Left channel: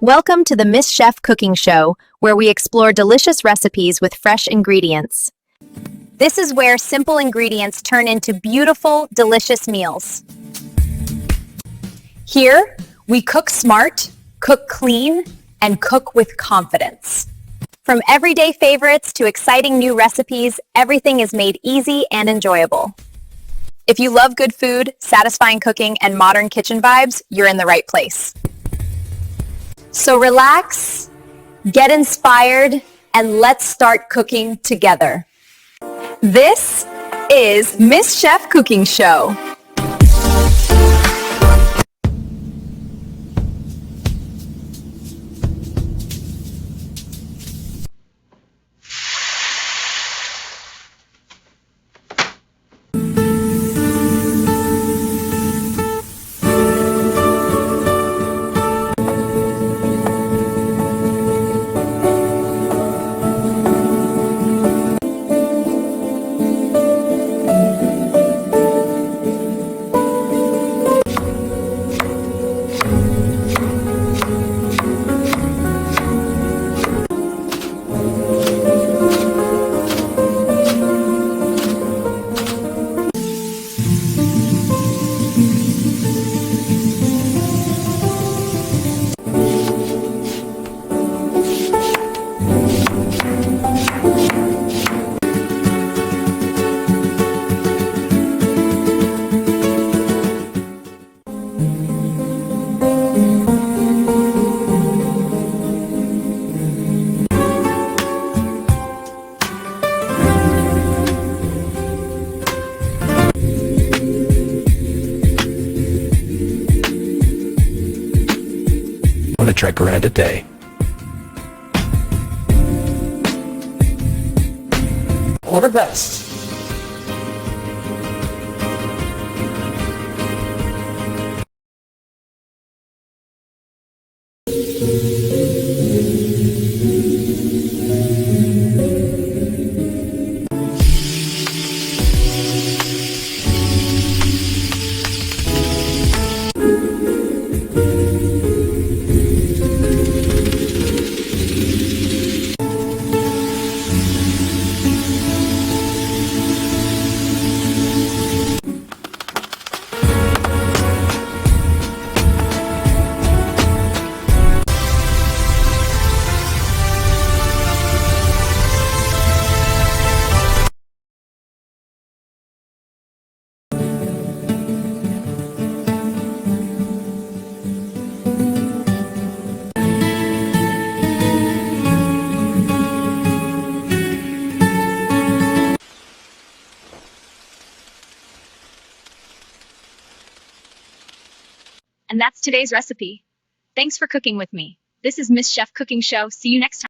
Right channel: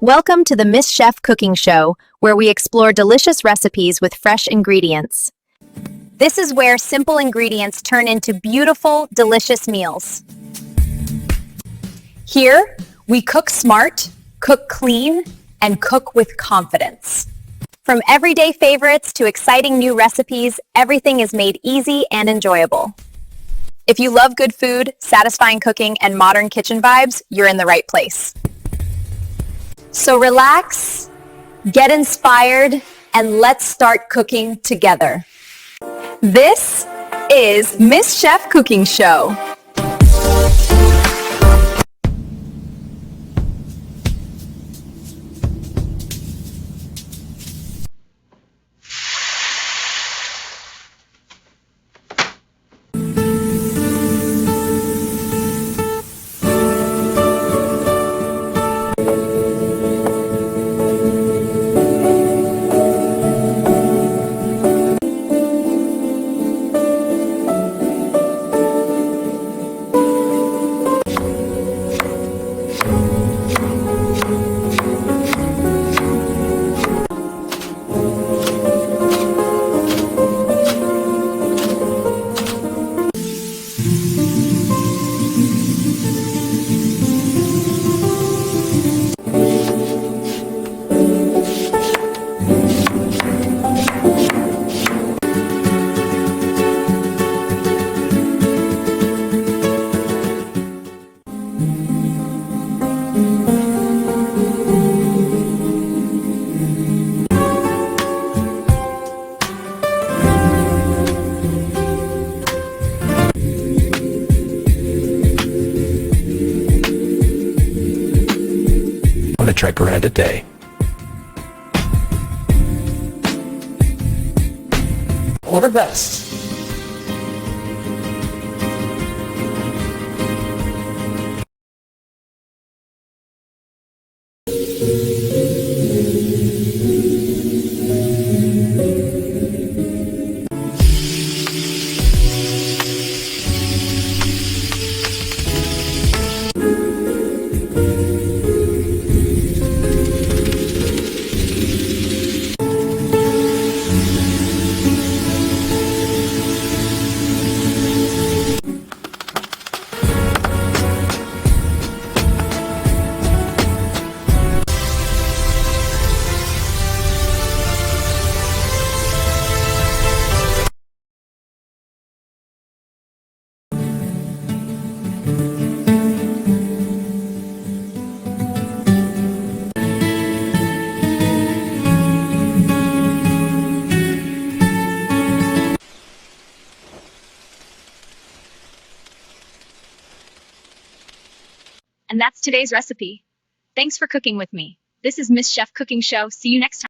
Welcome to the Miss Chef Cooking Show, where we explore delicious recipes with fresh ingredients. This is where simple ingredients turn into beautiful, delicious meals. Here, we cook smart, cook clean, and cook with confidence. From everyday favorites to exciting new recipes, everything is made easy and enjoyable. If you love good food, satisfying cooking, and modern kitchen vibes, you're in the right place. So relax, get inspired, and let's start cooking together. This is Miss Chef Cooking Show. On a trek around a day. All the best. And that's today's recipe. Thanks for cooking with me. This is Miss Chef Cooking Show. See you next time.